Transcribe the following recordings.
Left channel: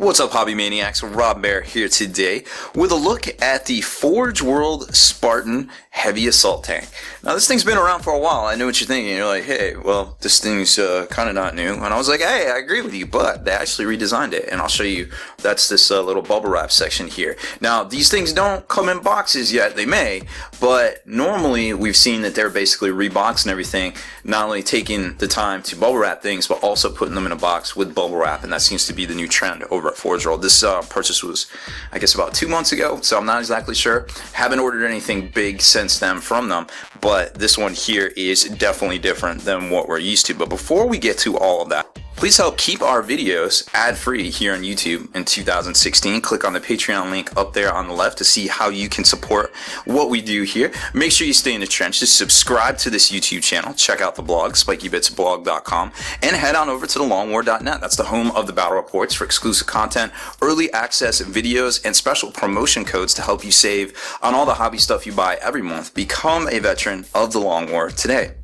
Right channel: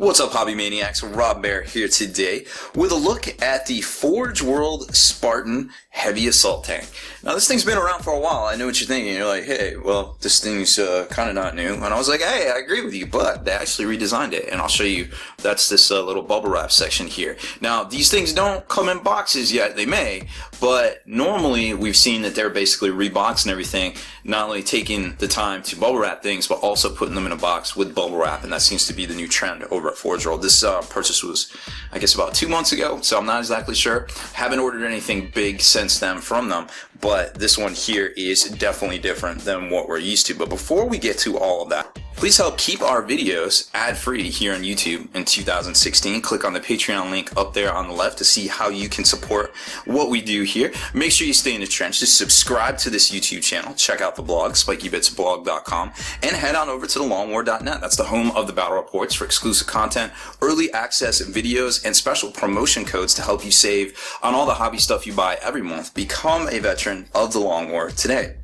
What's up, Hobby Maniacs? Rob Baer here today with a look at the Forge World Spartan Heavy Assault Tank. Now, this thing's been around for a while. I know what you're thinking. You're like, hey, well, this thing's kind of not new. And I was like, hey, I agree with you, but they actually redesigned it. And I'll show you, that's this little bubble wrap section here. Now, these things don't come in boxes yet. They may, but normally we've seen that they're basically reboxing everything, not only taking the time to bubble wrap things, but also putting them in a box with bubble wrap. And that seems to be the new trend over at Forge World. This purchase was, I guess, about 2 months ago, so I'm not exactly sure. Haven't ordered anything big since then from them, but this one here is definitely different than what we're used to. But before we get to all of that, please help keep our videos ad-free here on YouTube in 2016. Click on the Patreon link up there on the left to see how you can support what we do here. Make sure you stay in the trenches. Subscribe to this YouTube channel. Check out the blog, spikybitsblog.com, and head on over to thelongwar.net. That's the home of the battle reports for exclusive content, early access videos, and special promotion codes to help you save on all the hobby stuff you buy every month. Become a veteran of the Long War today.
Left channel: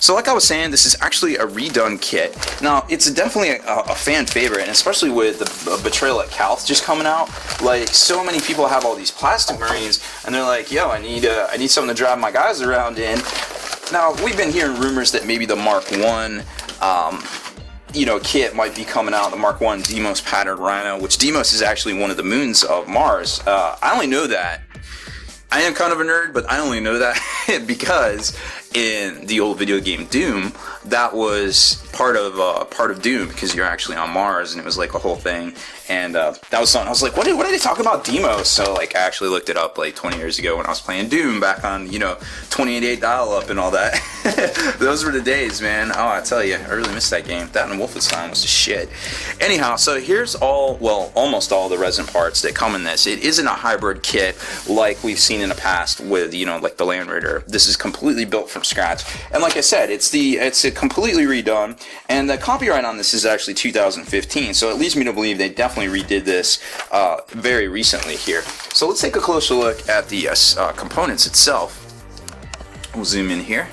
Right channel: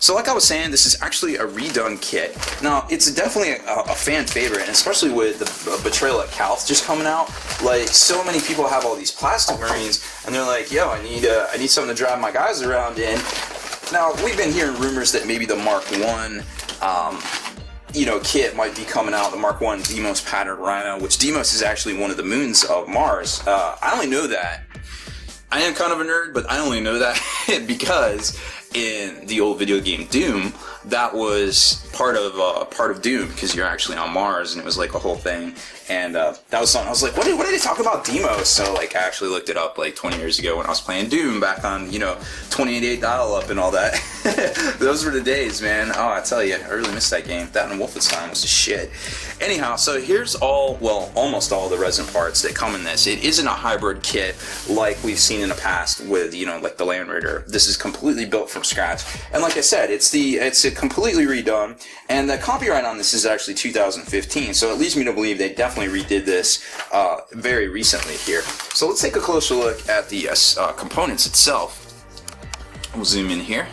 So like I was saying, this is actually a redone kit. Now, it's definitely a fan favorite, and especially with the Betrayal at Calth just coming out. Like, so many people have all these plastic Marines, and they're like, yo, I need something to drive my guys around in. Now, we've been hearing rumors that maybe the Mark 1 kit might be coming out, the Mark 1 Deimos patterned Rhino, which Deimos is actually one of the moons of Mars. I only know that. I am kind of a nerd, but I only know that because in the old video game Doom, that was part of Doom, because you're actually on Mars, and it was like a whole thing. And that was something I was like, what are they talking about Deimos? So like I actually looked it up like 20 years ago when I was playing Doom back on 28 dial-up and all that. Those were the days, man. Oh, I tell you, I really missed that game. That and Wolfenstein was just shit. Anyhow, so here's almost all the resin parts that come in this. It isn't a hybrid kit like we've seen in the past with like the Land Raider. This is completely built from scratch, and like I said, it's a completely redone, and the copyright on this is actually 2015. So it leads me to believe they definitely redid this very recently here. So let's take a closer look at the components itself. We'll zoom in here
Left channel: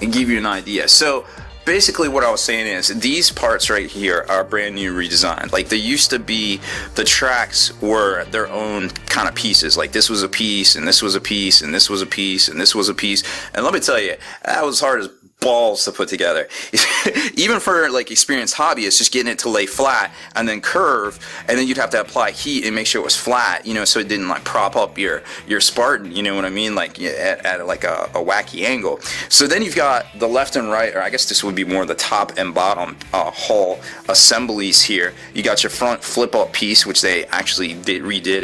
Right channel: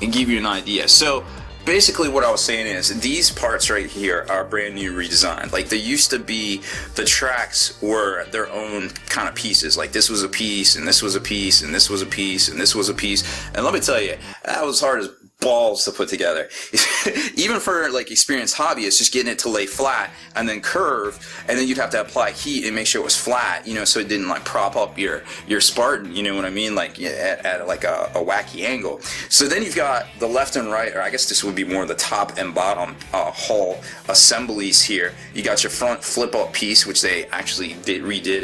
and give you an idea. So basically what I was saying is these parts right here are brand new redesigned. Like, they used to be, the tracks were their own kind of pieces. Like, this was a piece, and this was a piece, and this was a piece, and this was a piece. And let me tell you, that was hard as balls to put together. Even for like experienced hobbyists, just getting it to lay flat and then curve, and then you'd have to apply heat and make sure it was flat, so it didn't like prop up your Spartan, you know what I mean, like at like a wacky angle. So then you've got the left and right, or I guess this would be more the top and bottom hull assemblies here. You got your front flip up piece, which they actually redid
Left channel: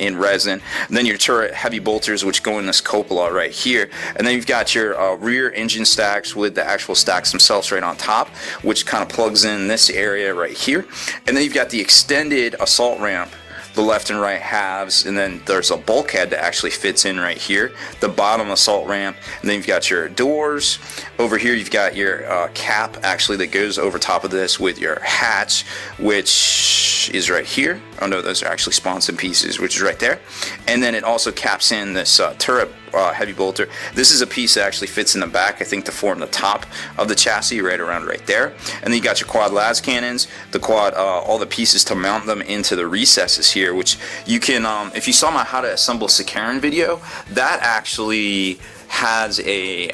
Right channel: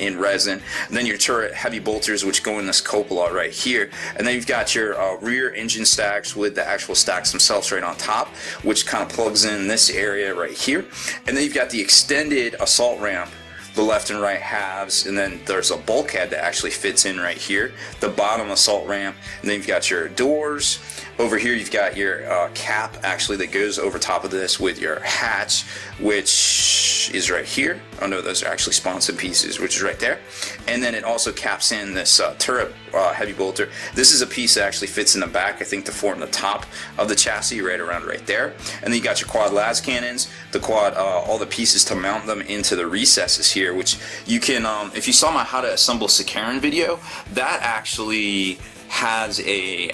in resin, and then your turret heavy bolters, which go in this cupola right here, and then you've got your rear engine stacks with the actual stacks themselves right on top, which kind of plugs in this area right here. And then you've got the extended assault ramp, the left and right halves, and then there's a bulkhead that actually fits in right here, the bottom assault ramp, and then you've got your doors. Over here you've got your cap actually that goes over top of this with your hatch, which is right here. Oh no, those are actually sponson pieces, which is right there. And then it also caps in this turret heavy bolter. This is a piece that actually fits in the back, I think, to form the top of the chassis right around right there. And then you got your quad las cannons, the quad, all the pieces to mount them into the recesses here, which you can, if you saw my how to assemble Sakaran video, that actually has a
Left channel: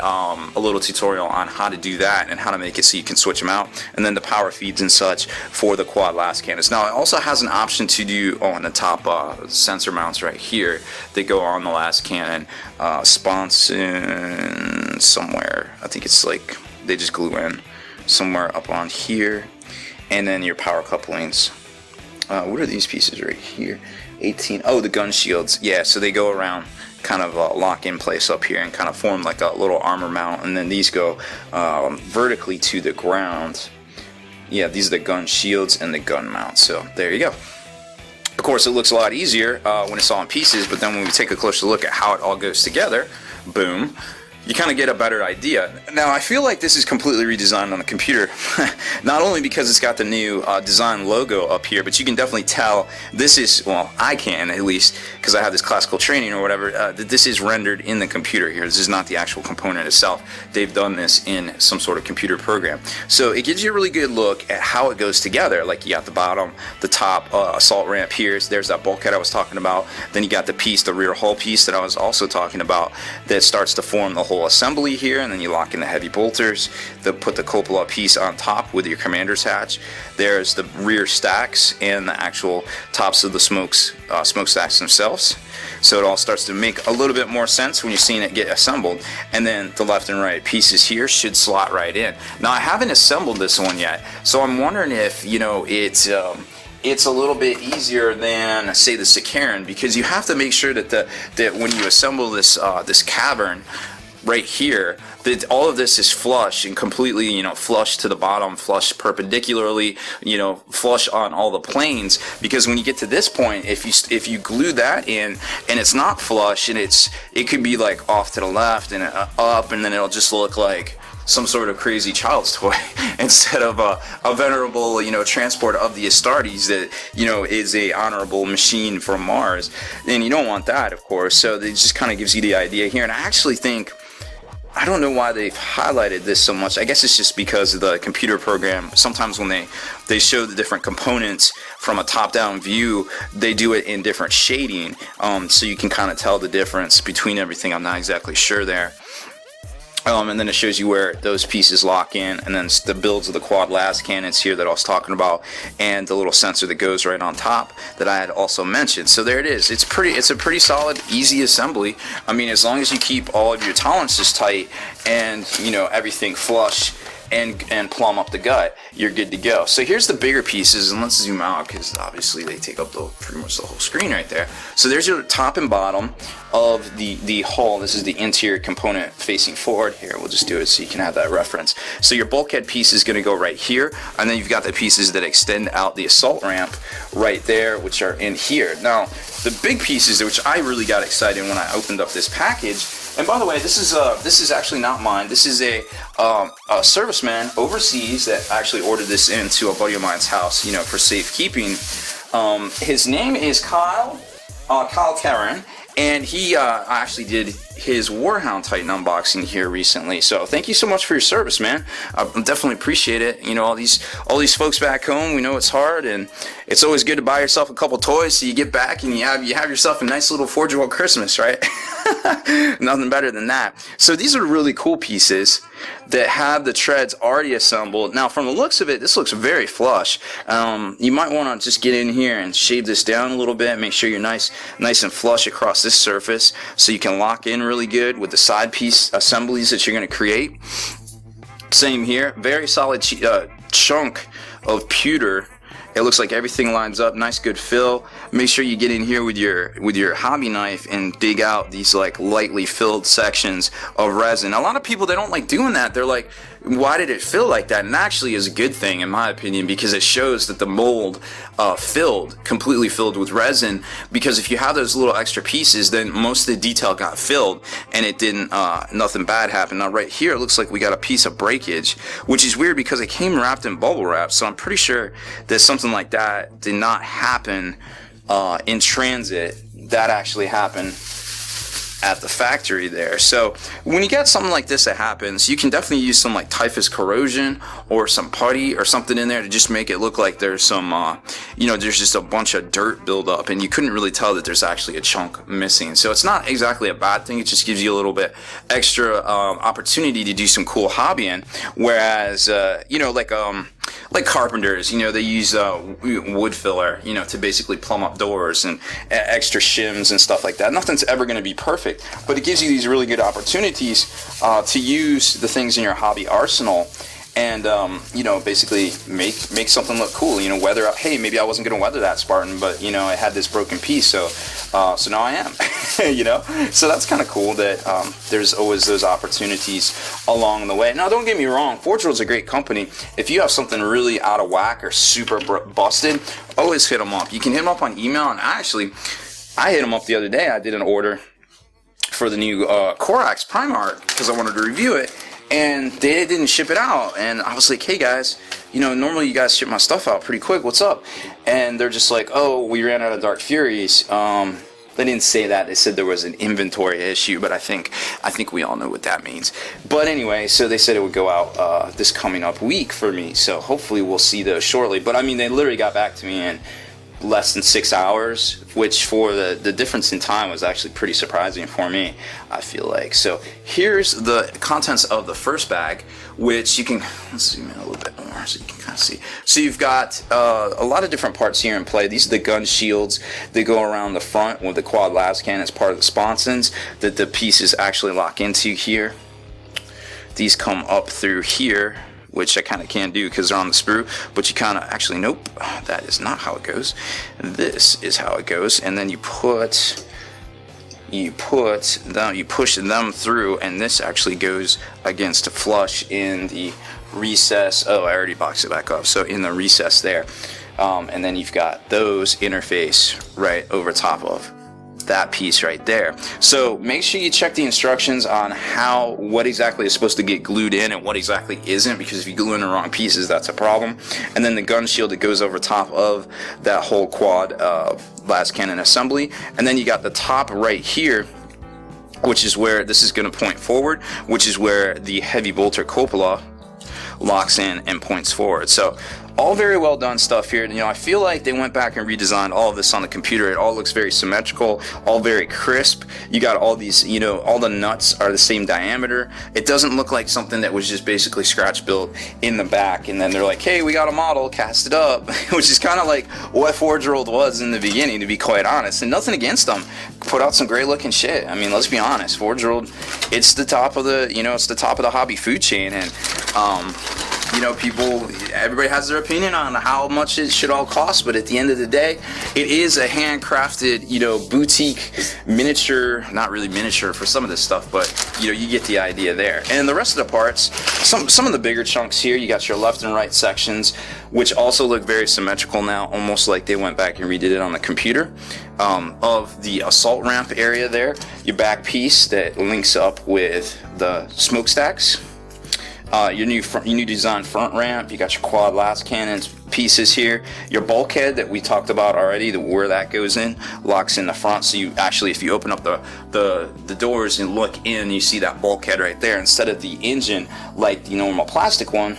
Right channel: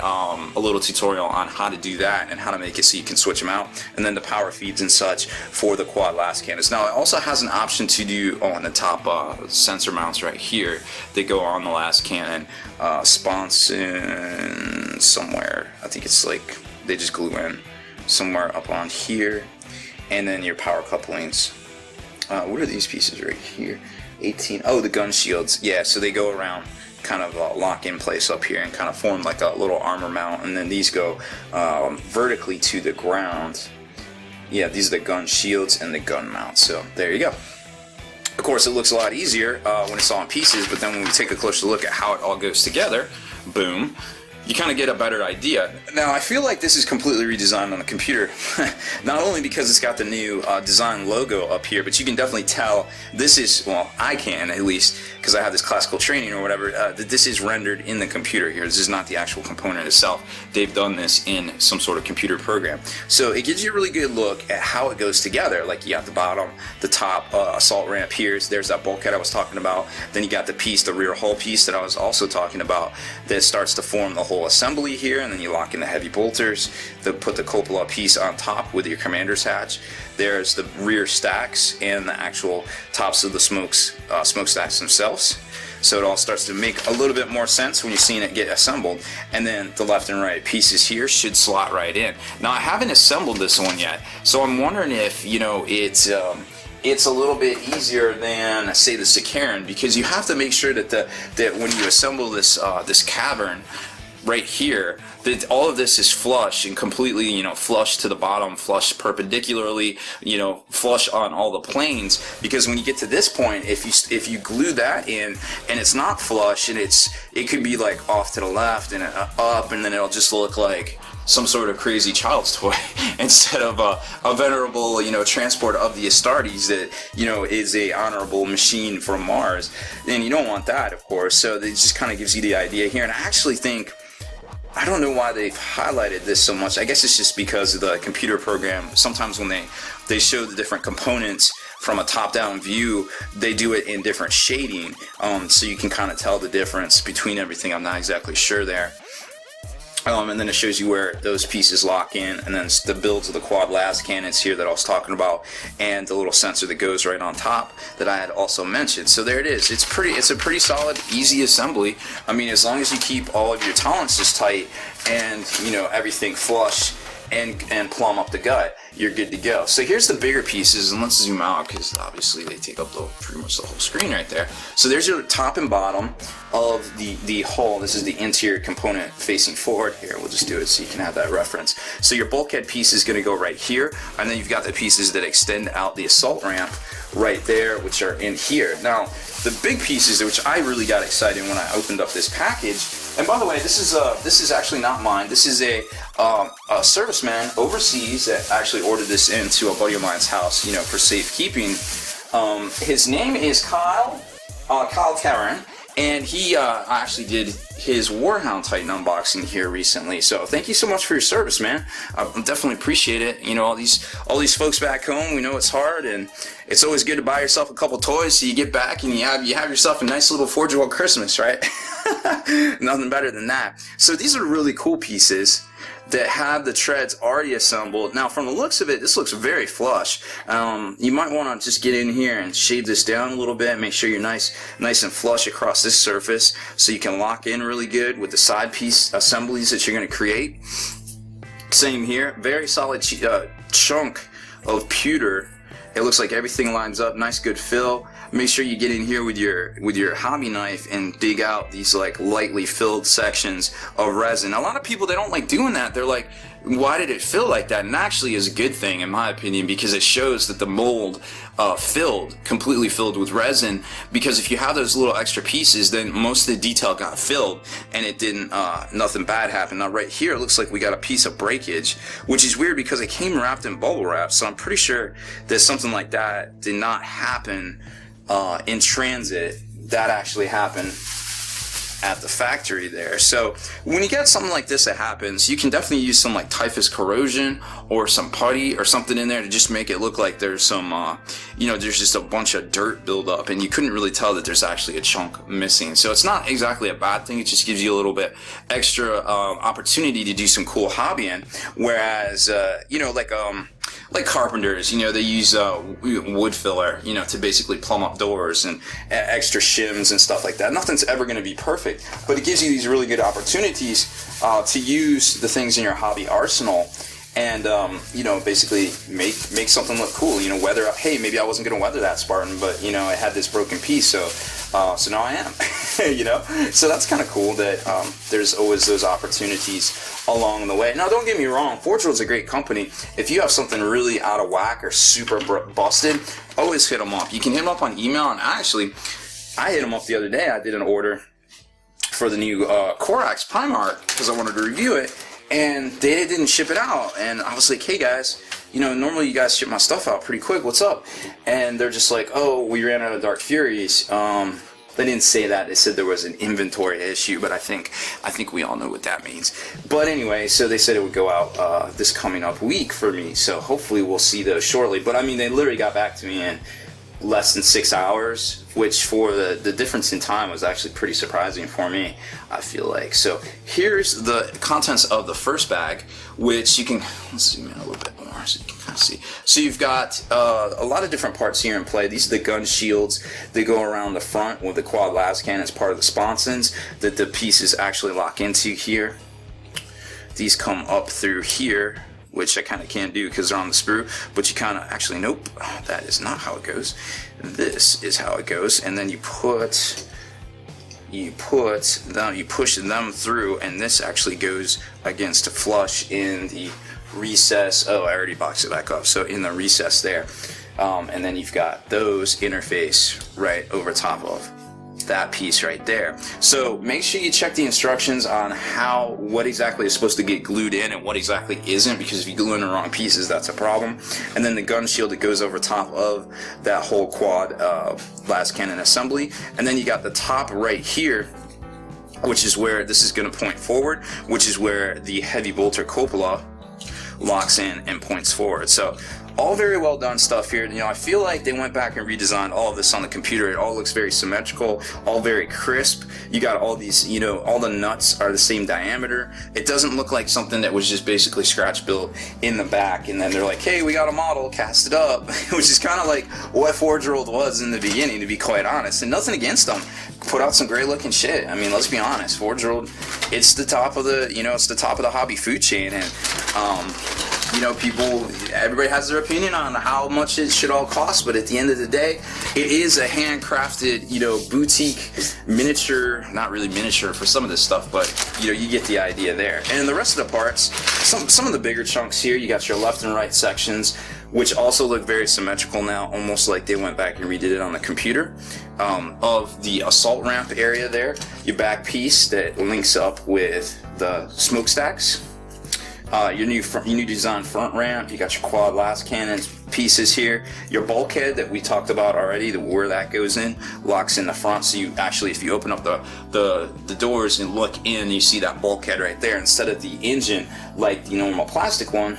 little tutorial on how to do that and how to make it so you can switch them out, and then the power feeds and such for the quad las cannons. Now it also has an option to do on the top sensor mounts right here that go on the las cannon, sponson somewhere. I think it's like they just glue in somewhere up on here, and then your power couplings. What are these pieces right here? 18. Oh, the gun shields. Yeah, so they go around, kind of lock in place up here and kind of form like a little armor mount, and then these go vertically to the ground. Yeah, these are the gun shields and the gun mount. So there you go. Of course, it looks a lot easier when it's all in pieces, but then when we take a closer look at how it all goes together, boom, you kind of get a better idea. Now, I feel like this is completely redesigned on the computer, not only because it's got the new design logo up here, but you can definitely tell this is, well, I can at least, because I have this classical training or whatever, that this is rendered in the computer here. This is not the actual component itself. They've done this in some sort of computer program. So it gives you a really good look at how it goes together. Like you got the bottom, the top assault ramp here. There's that bulkhead I was talking about. Then you got the piece, the rear hull piece that I was also talking about, that starts to form the whole assembly here, and then you lock in the heavy bolters. Put the cupola piece on top with your commander's hatch. There's the rear stacks and the actual tops of the smokestacks themselves. So it all starts to make a little bit more sense when you're seeing it get assembled. And then the left and right pieces here should slot right in. Now I haven't assembled this one yet, so I'm wondering if, you know, it's a little bit easier than, say, the Sakaran, because you have to make sure that when you assemble this this cavern right here, that all of this is flush and completely, you know, flush to the bottom, flush perpendicularly, you know, flush on all the planes. Because when you get to this point, if you glue that in and it's not flush, and it could be like off to the left and up, and then it'll just look like some sort of crazy child's toy instead of a venerable, you know, transport of the Astartes that, you know, is a honorable machine from Mars. And you don't want that, of course. So it just kind of gives you the idea here. And I actually think, I don't know why they've highlighted this so much. I guess it's just because of the computer program. Sometimes when they show the different components from a top-down view, they do it in different shading, so you can kind of tell the difference between everything. I'm not exactly sure there. And then it shows you where those pieces lock in, and then the builds of the quad las cannons here that I was talking about, and the little sensor that goes right on top that I had also mentioned. So there it is. It's a pretty solid, easy assembly. I mean, as long as you keep all of your tolerances tight and, you know, everything flush and plumb up the gut, you're good to go. So here's the bigger pieces, and let's zoom out because obviously they take up pretty much the whole screen right there. So there's your top and bottom of the hull. This is the interior component facing forward. Here, we'll just do it so you can have that reference. So your bulkhead piece is going to go right here, and then you've got the pieces that extend out the assault ramp right there, which are in here. Now, the big pieces, which I really got excited when I opened up this package. And by the way, this is actually not mine. This is a serviceman overseas that actually ordered this into a buddy of mine's house, you know, for safekeeping. His name is Kyle Terran, and he actually did his Warhound Titan unboxing here recently. So thank you so much for your service, man. I definitely appreciate it. You know, all these folks back home, we know it's hard, and it's always good to buy yourself a couple toys so you get back and you have yourself a nice little Forge World Christmas, right? Nothing better than that. So these are really cool pieces that have the treads already assembled. Now, from the looks of it, this looks very flush. You might want to just get in here and shade this down a little bit, make sure you're nice and flush across this surface so you can lock in really good with the side piece assemblies that you're going to create. Same here, very solid chunk of pewter. It looks like everything lines up, nice good fill. Make sure you get in here with your hobby knife and dig out these like lightly filled sections of resin. A lot of people, they don't like doing that. They're like, why did it fill like that? And actually is a good thing in my opinion, because it shows that the mold completely filled with resin. Because if you have those little extra pieces, then most of the detail got filled and it didn't, nothing bad happened. Now right here, it looks like we got a piece of breakage, which is weird because it came wrapped in bubble wrap. So I'm pretty sure that something like that did not happen in transit. That actually happened at the factory there. So when you get something like this that happens, you can definitely use some like typhus corrosion or some putty or something in there to just make it look like there's some you know, there's just a bunch of dirt buildup and you couldn't really tell that there's actually a chunk missing. So it's not exactly a bad thing. It just gives you a little bit extra opportunity to do some cool hobbying. Whereas you know, like carpenters, you know, they use wood filler, you know, to basically plumb up doors and extra shims and stuff like that. Nothing's ever going to be perfect, but it gives you these really good opportunities to use the things in your hobby arsenal and, you know, basically make something look cool. You know, weather up, hey, maybe I wasn't going to weather that Spartan, but, you know, I had this broken piece, so now I am, you know? So that's kind of cool that there's always those opportunities along the way. Now, don't get me wrong, Forge World's a great company. If you have something really out of whack or super busted, always hit them up. You can hit them up on email, and actually, I hit them up the other day. I did an order for the new Corax Primarch because I wanted to review it, and they didn't ship it out. And I was like, hey guys, you know, normally you guys ship my stuff out pretty quick. What's up? And they're just like, oh, we ran out of Dark Furies. They didn't say that. They said there was an inventory issue, but I think we all know what that means. But anyway, so they said it would go out this coming up week for me. So hopefully we'll see those shortly. But I mean, they literally got back to me in less than 6 hours, which for the difference in time was actually pretty surprising for me, I feel like. So here's the contents of the first bag, which you can, let's zoom in a little bit more so you can kind of see. So you've got a lot of different parts here in play. These are the gun shields that go around the front with the quad las cannon as part of the sponsons that the pieces actually lock into here. These come up through here, which I kind of can't do because they're on the sprue, but you kind of actually, nope, that is not how it goes. This is how it goes, and then you push them through, and this actually goes against a flush in the recess. Oh, I already boxed it back up. So in the recess there, and then you've got those interface right over top of that piece right there. So make sure you check the instructions on what exactly is supposed to get glued in and what exactly isn't, because if you glue in the wrong pieces, that's a problem. And then the gun shield that goes over top of that whole quad las cannon assembly. And then you got the top right here, which is where this is going to point forward, which is where the heavy bolter cupola locks in and points forward. So all very well done stuff here. You know, I feel like they went back and redesigned all of this on the computer. It all looks very symmetrical, all very crisp. You got all these, you know, all the nuts are the same diameter. It doesn't look like something that was just basically scratch built in the back and then they're like, hey, we got a model, cast it up, which is kind of like what Forge World was in the beginning, to be quite honest. And nothing against them. Put out some great looking shit. I mean, let's be honest, Forge World, it's the top of the, you know, it's the top of the hobby food chain. And you know, everybody has their opinion on how much it should all cost, but at the end of the day, it is a handcrafted, you know, boutique miniature, not really miniature for some of this stuff, but you know, you get the idea there. And the rest of the parts, some of the bigger chunks here, you got your left and right sections, which also look very symmetrical now, almost like they went back and redid it on the computer. Of the assault ramp area there, your back piece that links up with the smokestacks. Your new design front ramp, you got your quad las cannons pieces here, your bulkhead that we talked about already, where that goes in, locks in the front, so you actually, if you open up the doors and look in, you see that bulkhead right there, instead of the engine like the normal plastic one,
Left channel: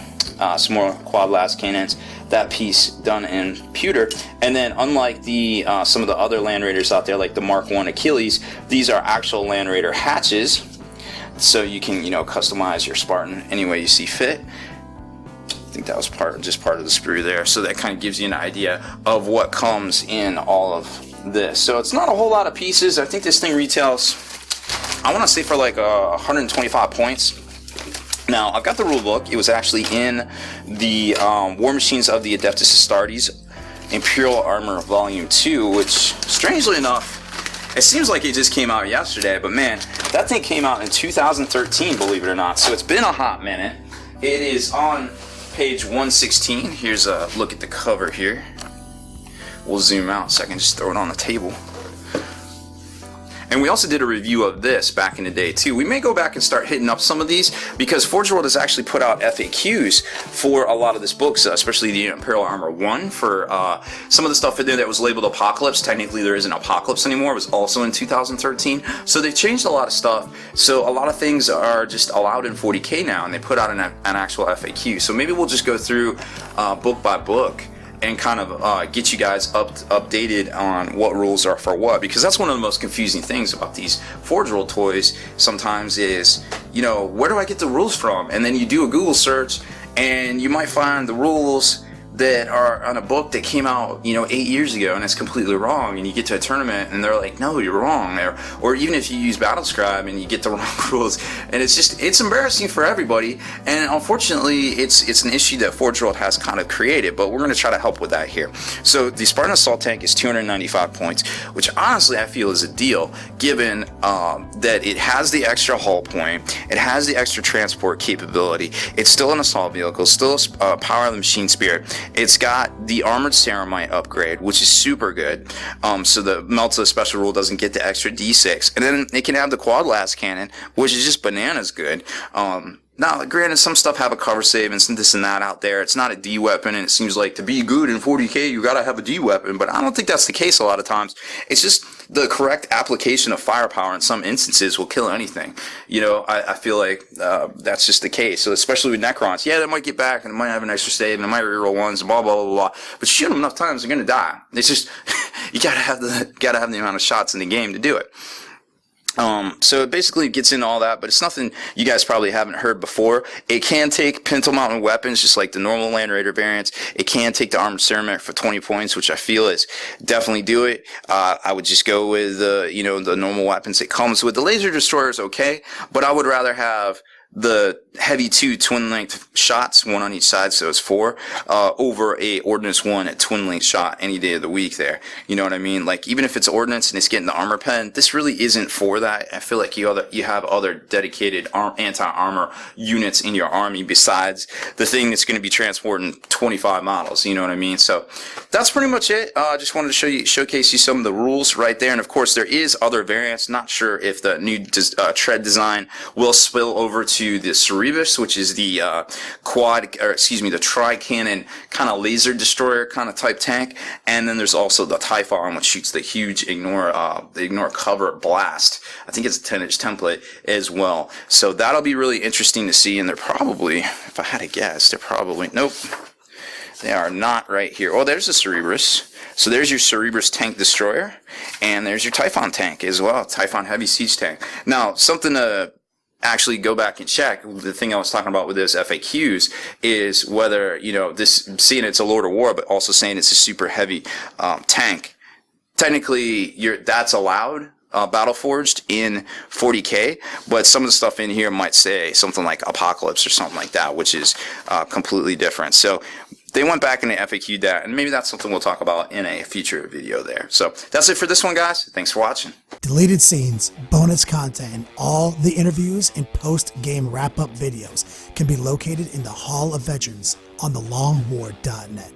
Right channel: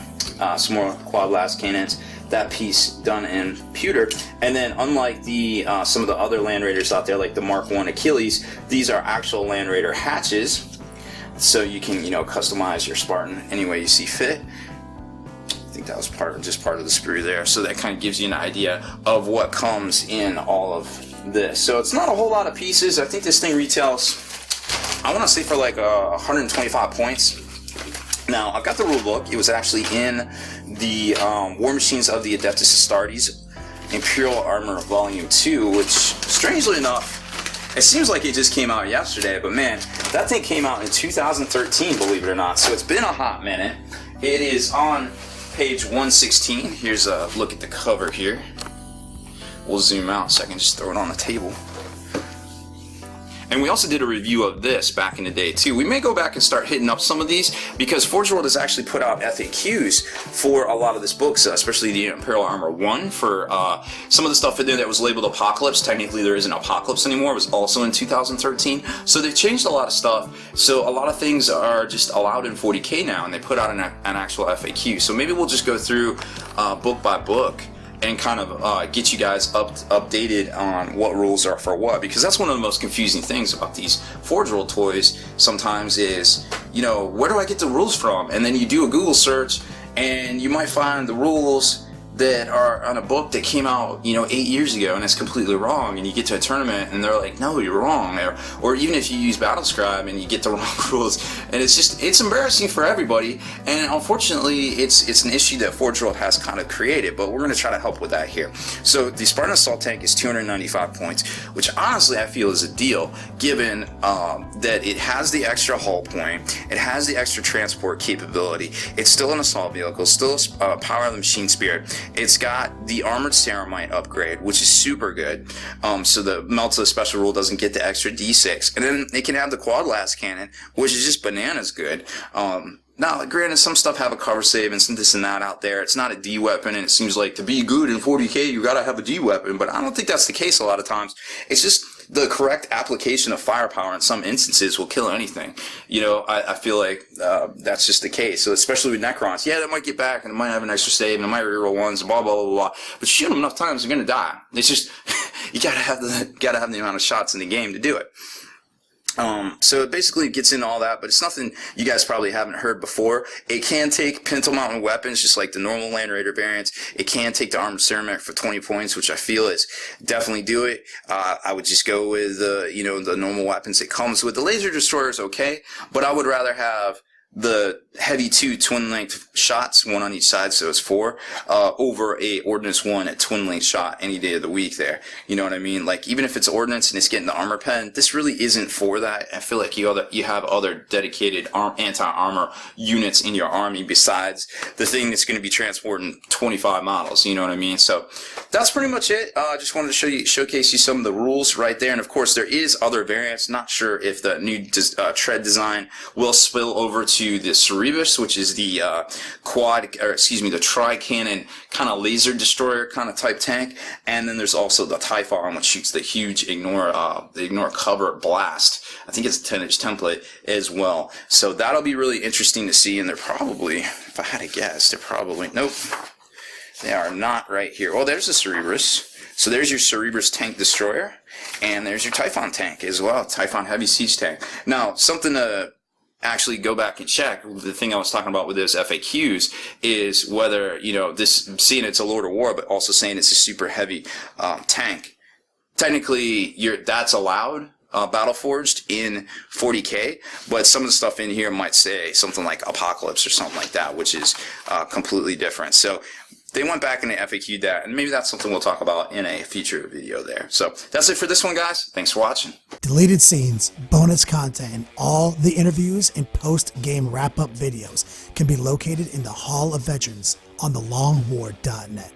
some more quad las cannons, that piece done in pewter. And then unlike the some of the other Land Raiders out there, like the Mark I Achilles, these are actual Land Raider hatches. So you can, you know, customize your Spartan any way you see fit. I think that was just part of the sprue there. So that kind of gives you an idea of what comes in all of this. So it's not a whole lot of pieces. I think this thing retails, I want to say for like 125 points. Now, I've got the rule book. It was actually in the War Machines of the Adeptus Astartes Imperial Armor Volume 2, which, strangely enough, it seems like it just came out yesterday, but man, that thing came out in 2013, believe it or not. So it's been a hot minute. It is on page 116. Here's a look at the cover here. We'll zoom out so I can just throw it on the table. And we also did a review of this back in the day too. We may go back and start hitting up some of these because Forge World has actually put out FAQs for a lot of this books, especially the Imperial Armor 1 for some of the stuff in there that was labeled Apocalypse. Technically there isn't Apocalypse anymore. It was also in 2013. So they changed a lot of stuff. So a lot of things are just allowed in 40K now, and they put out an actual FAQ. So maybe we'll just go through book by book and kind of get you guys updated on what rules are for what, because that's one of the most confusing things about these Forge World toys sometimes is, you know, where do I get the rules from? And then you do a Google search and you might find the rules that are on a book that came out, you know, 8 years ago, and it's completely wrong, and you get to a tournament and they're like, no, you're wrong. Or even if you use Battlescribe and you get the wrong rules, and it's embarrassing for everybody. And unfortunately it's an issue that Forge World has kind of created, but we're going to try to help with that here. So the Spartan Assault Tank is 295 points, which honestly I feel is a deal, given that it has the extra hull point, it has the extra transport capability, it's still an assault vehicle, still a power of the machine spirit. It's got the armored ceramite upgrade, which is super good. So the Melta special rule doesn't get the extra D6. And then it can have the quad las cannon, which is just bananas good. Now, granted, some stuff have a cover save and some this and that out there. It's not a D weapon, and it seems like to be good in 40K, you gotta have a D weapon, but I don't think that's the case a lot of times. It's just the correct application of firepower in some instances will kill anything. You know, I feel like that's just the case. So especially with Necrons, yeah, they might get back and it might have an extra save and it might reroll ones, blah blah blah blah. But shoot them enough times, they're gonna die. It's just you gotta have the amount of shots in the game to do it. So it basically gets into all that, but it's nothing you guys probably haven't heard before. It can take pintle mounted weapons, just like the normal Land Raider variants. It can take the Armored Ceramic for 20 points, which I feel is definitely do it. I would just go with the normal weapons it comes with. The Laser Destroyer is okay, but I would rather have the heavy 2 twin length shots, 1 on each side, so it's 4, over a ordnance 1 at twin length shot any day of the week there. You know what I mean? Like, even if it's ordnance and it's getting the armor pen, this really isn't for that. I feel like you have other dedicated anti-armor units in your army besides the thing that's going to be transporting 25 models. You know what I mean? So that's pretty much it. I just wanted to showcase you some of the rules right there. And of course, there is other variants. Not sure if the new tread design will spill over to the Cerebus, which is the the tri-cannon kind of laser destroyer kind of type tank, and then there's also the Typhon, which shoots the huge ignore cover blast. I think it's a 10-inch template as well. So that'll be really interesting to see. And they're probably, if I had to guess, nope, they are not right here. Oh, there's the Cerebus. So there's your Cerebus tank destroyer, and there's your Typhon tank as well, Typhon heavy siege tank. Now, something to actually go back and check, the thing I was talking about with those FAQs is whether, this, seeing it's a Lord of War, but also saying it's a super heavy tank. Technically, that's allowed, Battleforged in 40K, but some of the stuff in here might say something like Apocalypse or something like that, which is completely different. So they went back and they FAQ'd that, and maybe that's something we'll talk about in a future video there. So that's it for this one, guys. Thanks for watching. Deleted scenes, bonus content, and all the interviews and post-game wrap-up videos can be located in the Hall of Veterans on thelongwar.net.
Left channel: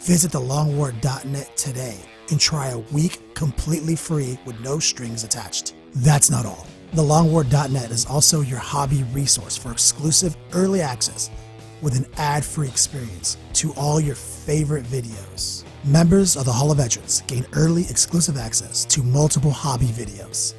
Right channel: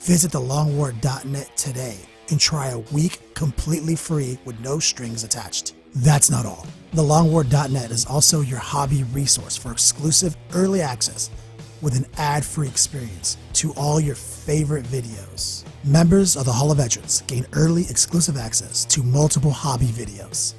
Visit thelongwar.net today and try a week completely free with no strings attached. That's not all. Thelongwar.net is also your hobby resource for exclusive early access with an ad-free experience to all your favorite videos. Members of the Hall of Veterans gain early exclusive access to multiple hobby videos.